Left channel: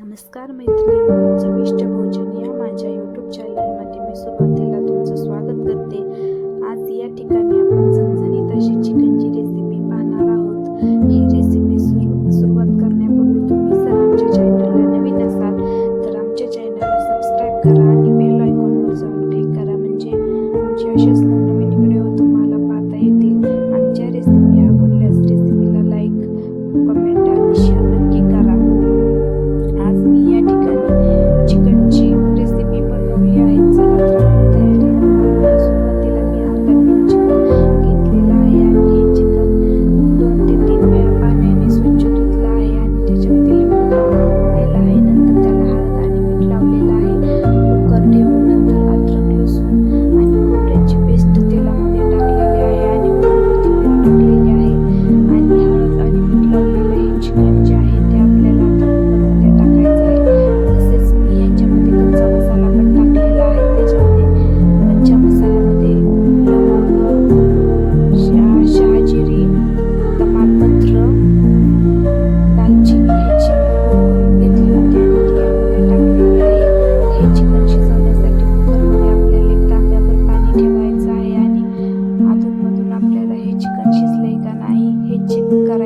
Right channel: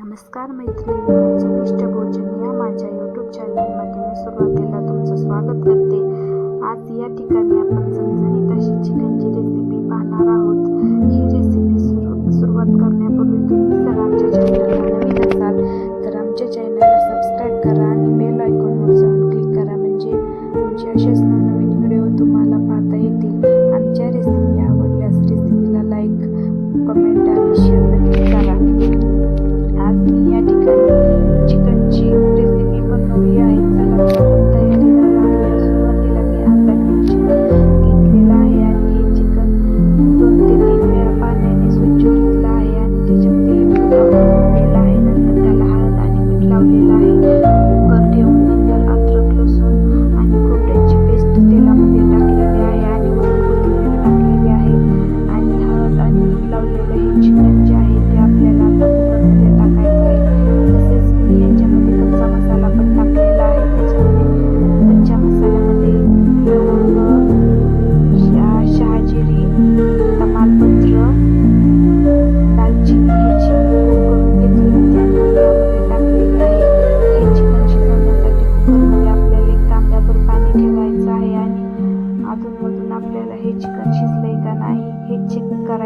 नमस्कार मैत्रिणींनो चविष्ट भोजन या माझ्या यूट्यूब चॅनलमध्ये मी सुरुवातीला तुमचं स्वागत करते. आज या ठिकाणी आपण झणझणीत अशी चिकनची रेसिपी पाहणार आहोत. ही रेसिपी सुरू सुरुवात करण्यापूर्वी तुम्ही जर आमच्या चॅनलला नवीन असाल तर आमच्या चॅनलला सबस्क्राईब करा आणि बेल आयकॉनवर जाऊन क्लिक करा. म्हणजे आमचे असेच नवनवीन व्हिडिओ तुम्हाला पाहता येतील. आमच्या रेसिपी आवडल्यास रेसिपीला लाईक कमेंट आणि शेअर या ठिकाणी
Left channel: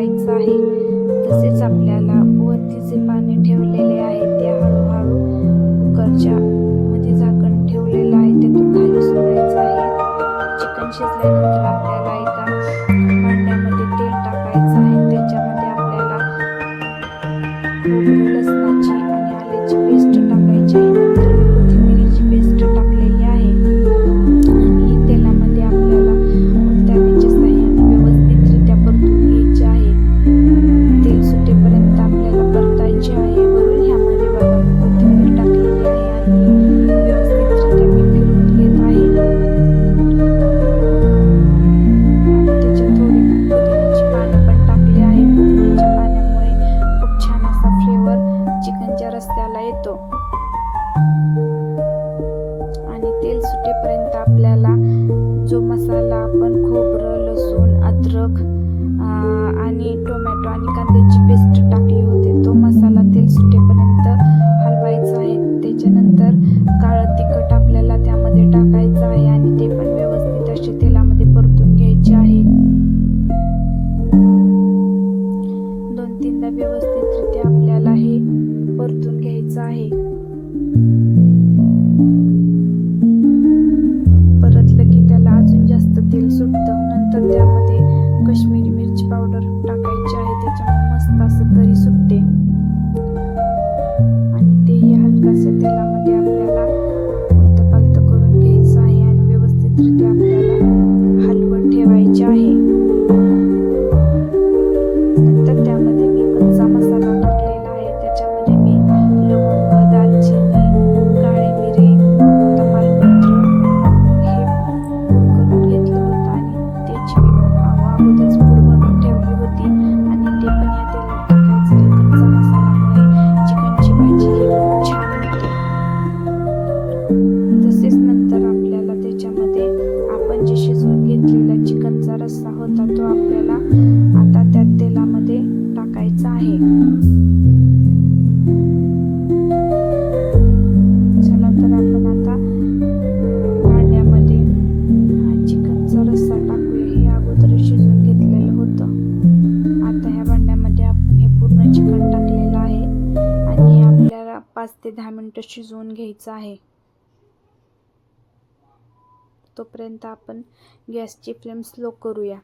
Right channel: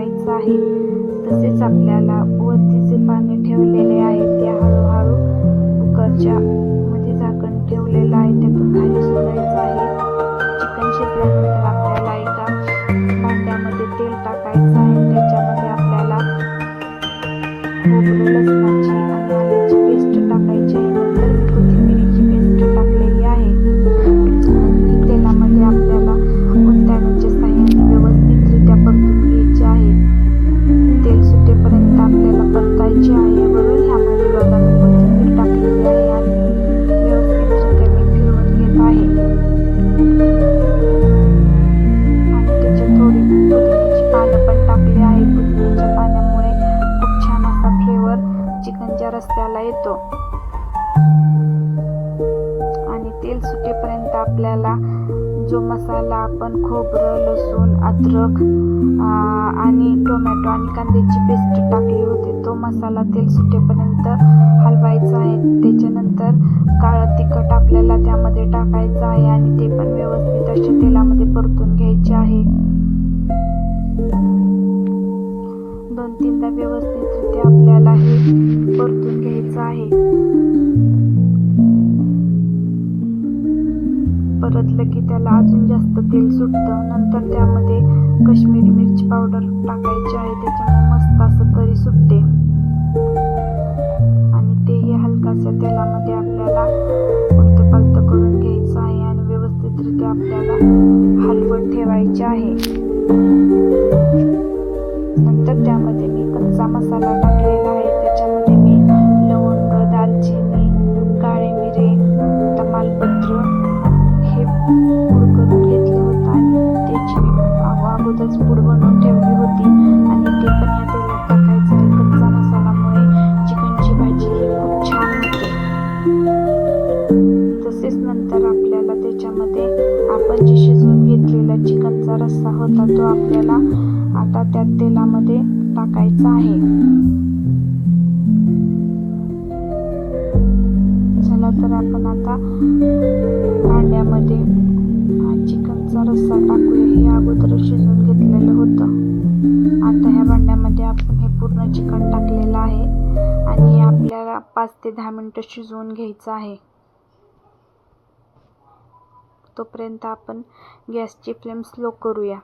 करायचं आहे. तसेच आपल्याला वरती जे पाणी ठेवलेले आहे ते हळूहळू कुकरच्या मध्ये झाकण ठेवलेलं आहे. त्यातून खाली सोडायचं आहे. चिकन शिजल्यानंतर आपल्याला एका भांड्यामध्ये तेल टाकायचं आहे. त्याच्यामध्ये आपल्याला खोबरं लसणाची आणि आल्याची पेस्ट टाकायची आहे. नंतर मी कोथिंबिरीची पेस्ट टाक फ्लेवर चिकनच्या रस्त्याला येतो. आणि तेल सुटेपर्यंत आपल्याला जो मसाला आपण खोबरं लसूण अद्रक आणि टोमॅटो आणि कांद्याची पेस्ट टाकली होती तो मसाला तेल सुटेपर्यंत हलवायचा आहे. त्याच्यानंतर काळं तिखट आपल्याला त्यामध्ये टाकायचं आहे आणि ते पण व्यवस्थित असे तेलामध्ये परतून घ्यायचे आहे. दोन तीनदा व्यवस्थित आपल्याला हे परतून घ्यायचं आहे. परतलं की त्याला अजून जास्त तेल सुटतं. नंतर त्यामध्ये कश्मीरी मिरची पावडर टाकायची आहे. त्याच्यामुळे मस्त असं तरी सुटते. आणि तेही हलकाशा तेलामध्ये आपल्याला उलत पालत करून घ्यायचं आहे आणि व्यवस्थितरित्या आपल्याला हलवत ठेवायचे आहे. नंतर त्यामध्ये मी कच्चा मसाला दालचिनी काळे मिरे तमालपत्र हे पूड करून घेतलं होतं आणि त्याची मी अगोदरच पूड बनवून ठेवली होती आणि ते पण ह्या तेलात टाकायचं आहे. कच्चा मसालामुळे चिकनची भाजी ही खूप छान होते. तसेच नंतर आपल्याला त्याच्यामध्ये आपण जे शिजवून घेतलेला चिकनचा रस्सा होता तो आपल्याला आता त्या तेलामध्ये टाकायचा आहे. तर आपण आता भांड्यामध्ये हा चिकनचा रस्सा टाकूया. हे अगोदर शिजवून घेतलेलं होतं. आता ह्या भांड्यामध्ये आपण हे पूर्ण चिकन टाकलेलं आहे आणि आपल्याला पाच ते दहा मिनटं शिजवून घ्यायचं आहे. तोपर्यंत आपण गॅसची फ्लेम स्लो करूया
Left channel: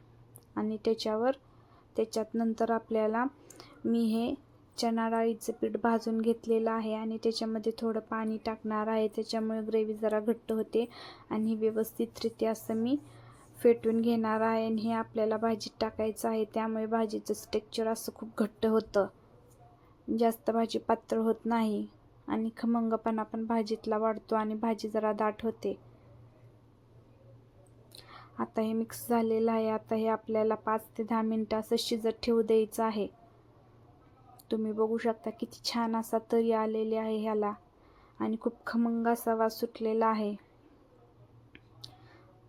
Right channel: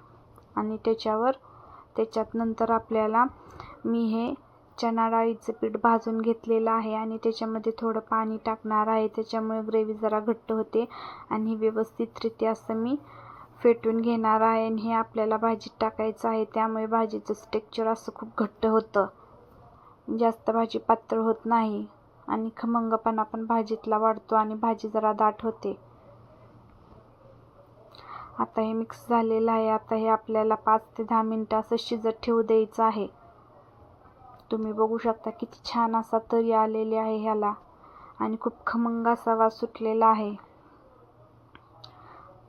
आणि त्याच्यावर त्याच्यात नंतर आपल्याला मी हे चणा डाळीचं पीठ भाजून घेतलेलं आहे आणि त्याच्यामध्ये थोडं पाणी टाकणार आहे. त्याच्यामुळे ग्रेव्ही जरा घट्ट होते आणि व्यवस्थितरित्या असं मी फेटून घेणार आहे आणि हे आपल्याला भाजीत टाकायचं आहे. त्यामुळे भाजीचं स्टेक्चर असं खूप घट्ट होतं. जास्त भाजी पातळ होत नाही आणि खमंगपणा पण भाजीतला वाढतो आणि भाजी जरा दाट होते. आता हे मिक्स झालेलं आहे. आता हे आपल्याला पाच ते दहा मिनटं असं शिजत ठेवू द्यायचं आहे. तुम्ही बघू शकता किती छान असा तरी आलेले आहे ह्याला. आणि खूप खमंग असा वास सुटलेला आहे.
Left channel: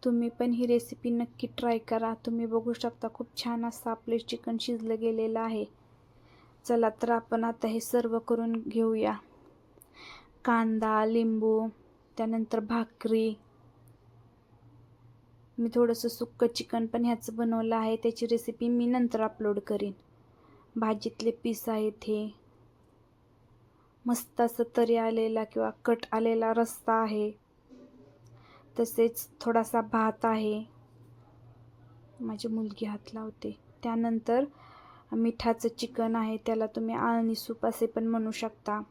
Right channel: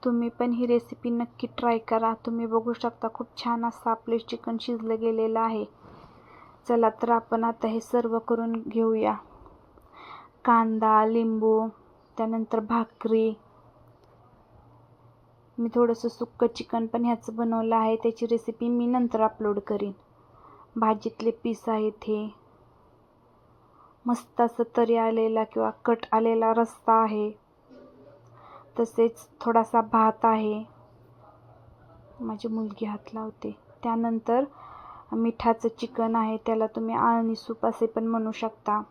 तुम्ही पण ही रेसिपी नक्की ट्राय करा. तुम्ही बघू शकता खूप छान असं आपले चिकन शिजलं गेलेलं आहे. चला तर आपण आता हे सर्व करून घेऊया. कांदा लिंबू त्यानंतर भाकरी. मी थोडंसं सुक्कं चिकन पण ह्याचं बनवलं आहे. त्याची रेसिपी मी नंतर अपलोड करीन. भाजीतले पीस आहेत हे. मस्त असं तरी आलेला किंवा कट आलेला रस्ता आहे. तसेच थोडासा भात आहे. माझी मुलगी हात लावते. त्यानंतर मिठाचं चिकन आहे. त्याला तुम्ही आळणी सूप असे पण म्हणू शकता.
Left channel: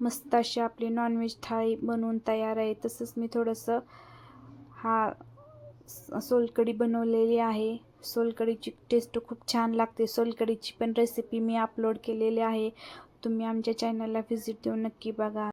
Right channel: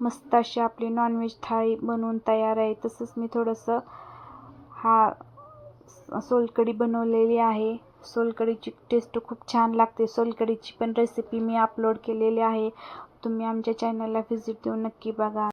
मस्त अशी आपली नॉनव्हेज थाळी बनवून तयार आहे. तसंच मी थोडंसं हा सोलकढी बनवलेली आहे. सोलकढीची टेस्ट खूप छान लागते. सोलकढीची पण रेसिपी मी अपलोड केलेली आहे. तुम्ही आमच्या चॅनलला व्हिजिट देऊन नक्की बघा.